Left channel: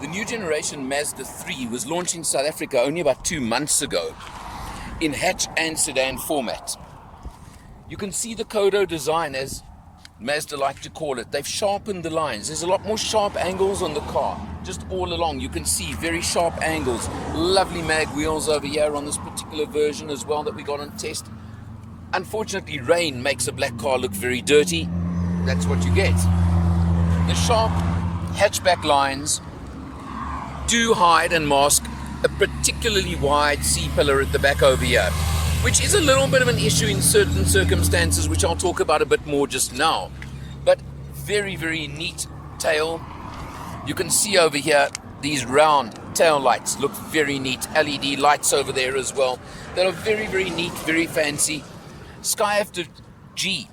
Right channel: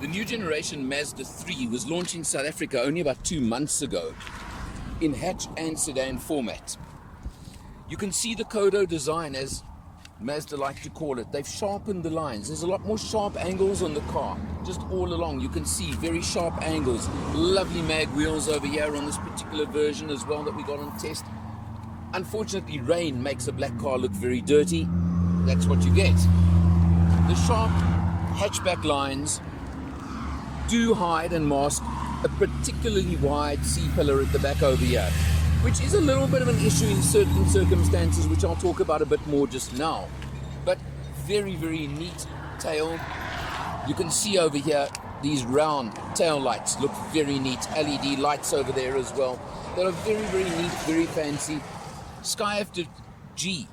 The new generation Mazda 3 was launched in South Africa only about 2 months ago in hatch and sedan format. You can see the Kodo design, as Mazda like to call it. They've sharpened the lines. There's a lot more sharp angles on the car, just all along. You can see very sharp angles. Lovely mag wheels over here on this particular version as well that we got on test. Unfortunately, rain makes a black car look very dirty. That's what you get. The sharp hatchback lines do hide and mask a particularly wide C-pillar at the back over here, which is a little bit of an issue in certain circumstances, which I'll talk about a bit more just now. But very, very neat tail. You can see over here, these round tail lights look very neat. LED lights over there as well. That are very, very neat, very fancy. Sky Active G,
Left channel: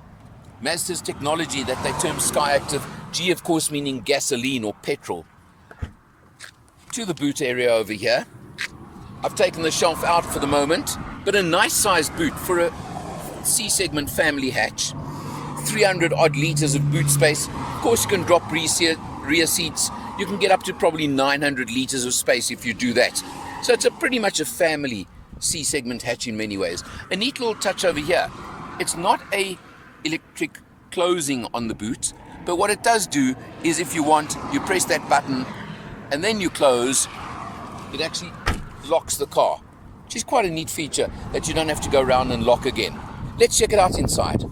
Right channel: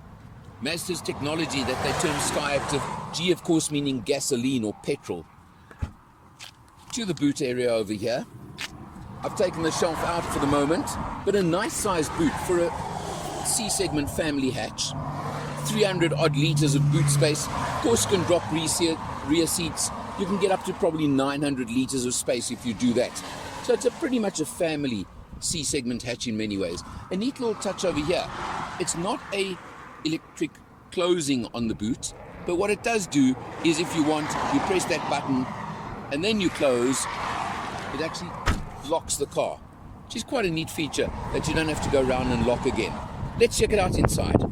Mazda's technology that they term Sky Active G, of course, meaning gasoline or petrol. To the boot area over here. I've taken the shelf out for the moment, but a nice sized boot for a C-segment family hatch. 300 odd litres of boot space. Of course, you can drop rear seats. You can get up to probably 900 litres of space if you do that. So it's pretty much a family C-segment hatch in many ways. A neat little touch over here. It's not a electric closing on the boot, but what it does do is, if you want, you press that button and then you close, it actually locks the car, which is quite a neat feature that you don't have to go around and lock again. Let's check it out inside.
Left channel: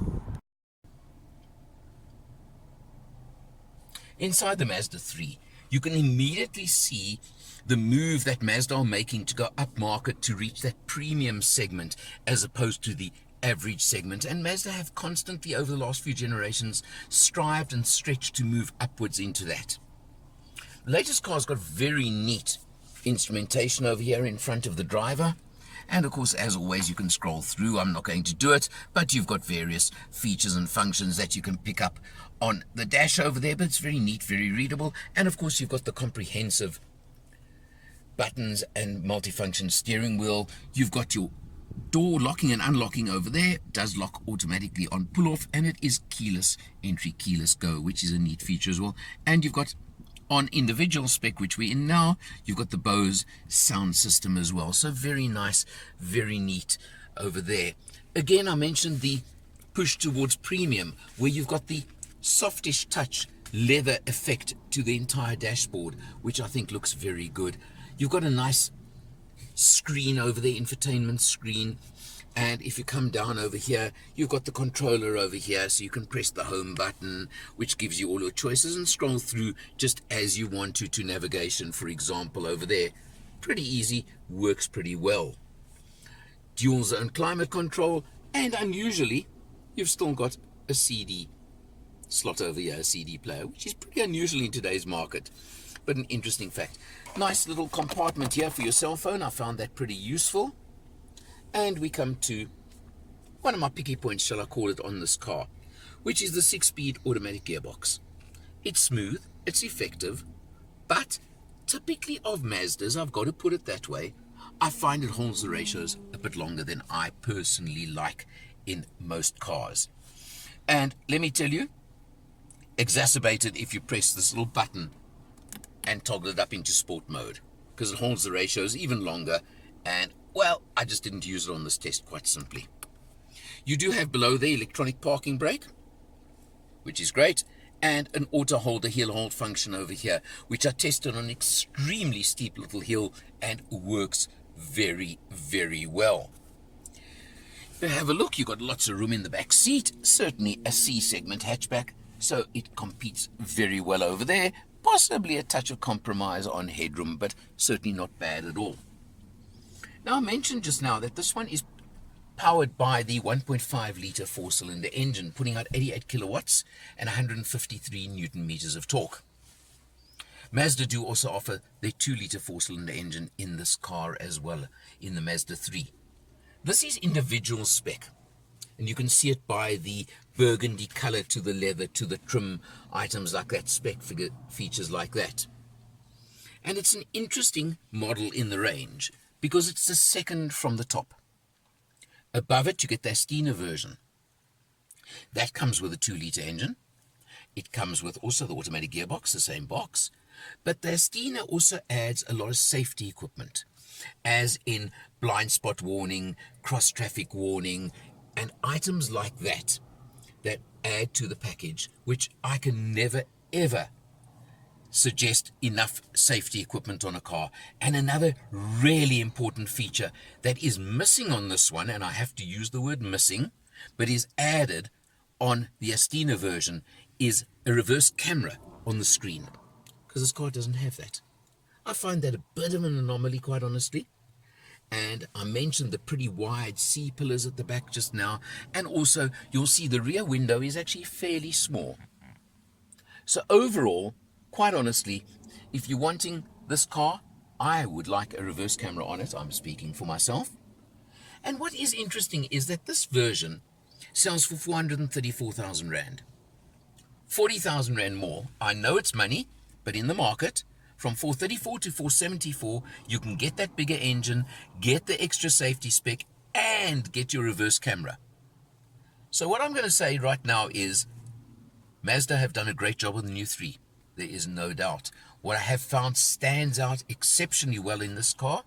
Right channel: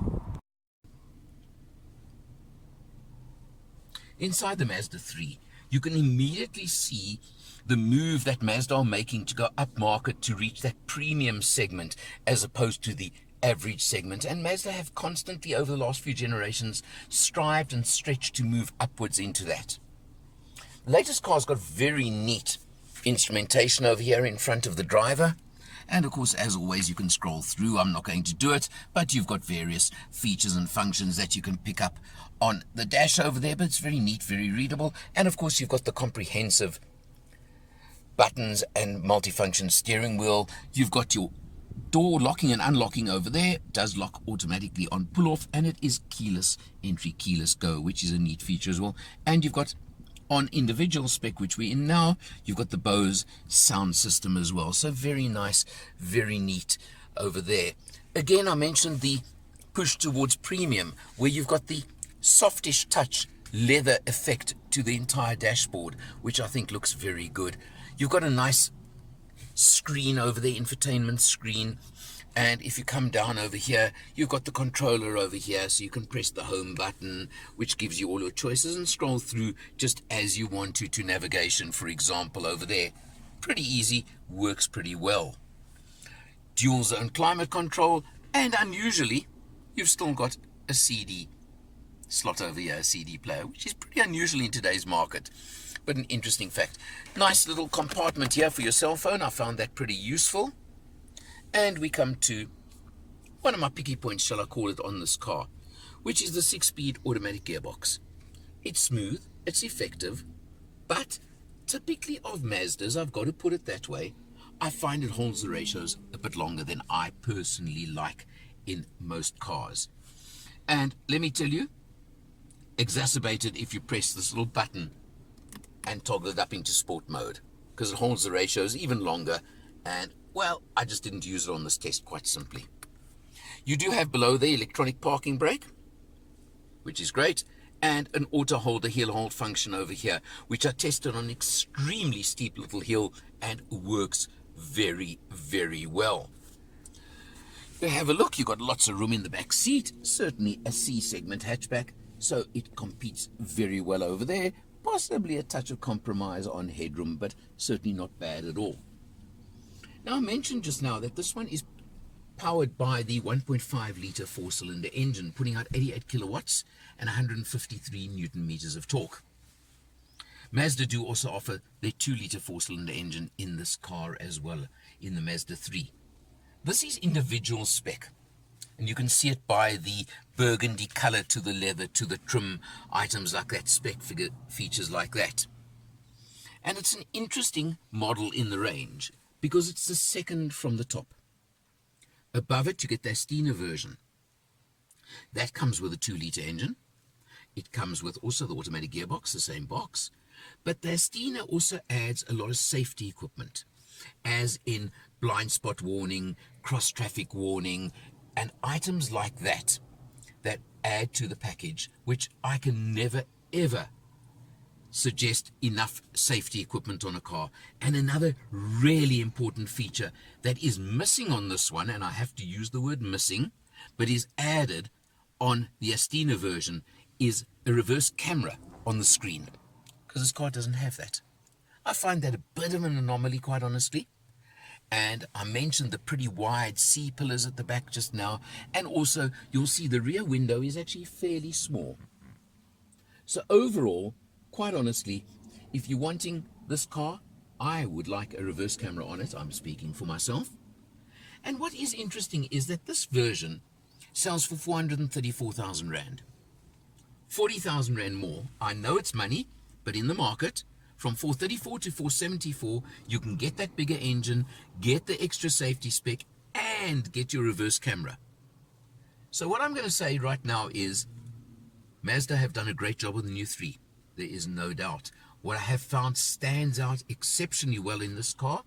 Inside the Mazda 3, you can immediately see the move that Mazda are making to go upmarket to reach that premium segment as opposed to the average segment. And Mazda have constantly, over the last few generations, strived and stretched to move upwards into that. The latest car's got very neat instrumentation over here in front of the driver. And of course, as always, you can scroll through. I'm not going to do it, but you've got various features and functions that you can pick up on the dash over there, but it's very neat, very readable. And of course, you've got the comprehensive buttons and multifunction steering wheel. You've got your door locking and unlocking over there. It does lock automatically on pull-off, and it is keyless entry, keyless go, which is a neat feature as well. And you've got, on individual spec, which we're in now, you've got the Bose sound system as well. So very nice, very neat over there. Again, I mentioned the push towards premium, where you've got the softish touch leather effect to the entire dashboard, which I think looks very good. You've got a nice screen over there, infotainment screen. And if you come down over here, you've got the controller over here, so you can press the home button, which gives you all your choices, and scroll through just as you want to navigation, for example, over there. Pretty easy, works pretty well. Dual zone climate control, and unusually, you've still got a CD slot over here, a CD player, which is pretty unusual in today's market, but an interesting fact. Nice little compartment here for your cell phone. I found that pretty useful. And we come to one of my picky points, shall I call it, on this car, which is the 6-speed automatic gearbox. It's smooth, it's effective, but typically of Mazdas, I've got to put it that way, I find it holds the ratios a bit longer than I personally like in most cars. And let me tell you, exacerbated if you press this little button and toggle it up into sport mode, because it holds the ratios even longer. And well, I just didn't use it on this test, quite simply. You do have below the electronic parking brake, which is great, and an auto holder heel hold function over here, which I tested on an extremely steep little hill and works very, very well. You have a look, you've got lots of room in the back seat, certainly a C-segment hatchback, so it competes very well over there. Possibly a touch of compromise on headroom, but certainly not bad at all. Now, I mentioned just now that this one is powered by the 1.5 litre 4-cylinder engine, putting out 88 kilowatts and 153 newton meters of torque. Mazda do also offer their 2 litre 4-cylinder engine in this car as well, in the Mazda 3. This is individual spec, and you can see it by the burgundy color to the leather, to the trim, items like that, spec features like that. And it's an interesting model in the range, because it's the second from the top. Above it, you get the Astina version. That comes with a 2 litre engine. It comes with also the automatic gearbox, the same box. But the Astina also adds a lot of safety equipment, as in blind spot warning, cross traffic warning, and items like that that add to the package, which I can never ever suggest enough safety equipment on a car. And another really important feature that is missing on this one, and I have to use the word missing, but is added on the Astina version, is a reverse camera on the screen, because this car doesn't have that. I find that a bit of an anomaly, quite honestly. And I mentioned the pretty wide C-pillars at the back just now, and also you'll see the rear window is actually fairly small. So overall, quite honestly, if you're wanting this car, I would like a reverse camera on it. I'm speaking for myself. And what is interesting is that this version sells for 434,000 Rand. 40,000 Rand more. I know it's money, but in the market, from 434 to 474, you can get that bigger engine, get the extra safety spec, and get your reverse camera. So what I'm going to say right now is Mazda have done a great job with the new 3. There is no doubt. What I have found stands out exceptionally well in this car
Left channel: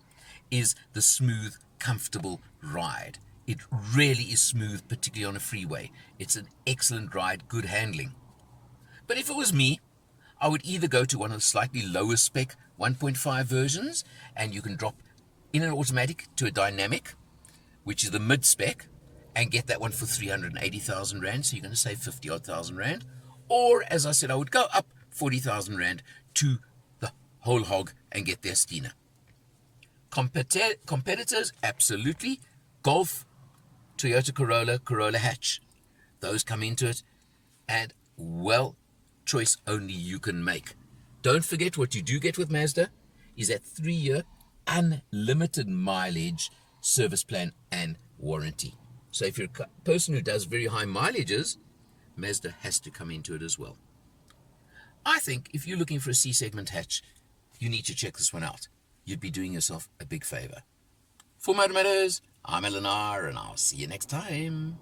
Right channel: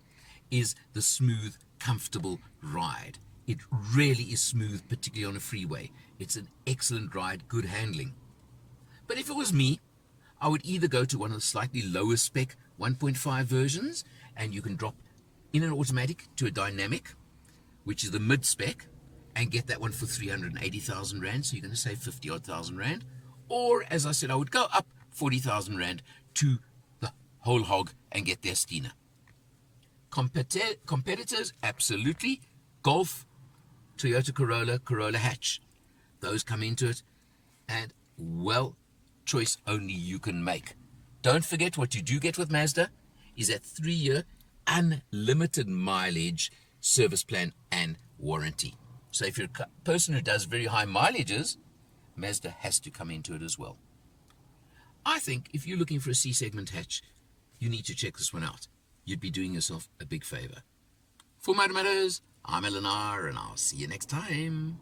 is the smooth, comfortable ride. It really is smooth, particularly on a freeway. It's an excellent ride, good handling. But if it was me, I would either go to one of the slightly lower spec 1.5 versions, and you can drop in an automatic to a dynamic, which is the mid spec, and get that one for 380,000 Rand, so you're going to save 50 odd thousand Rand. Or, as I said, I would go up 40,000 Rand to the whole hog and get the Astina. Competitors, absolutely. Golf, Toyota Corolla, Corolla hatch. Those come into it, and, well, choice only you can make. Don't forget, what you do get with Mazda is that 3-year unlimited mileage service plan and warranty. So if you're a person who does very high mileages, Mazda has to come into it as well. I think if you're looking for a C-segment hatch, you need to check this one out. You'd be doing yourself a big favor. For Motor Matters, I'm Eleanor, and I'll see you next time.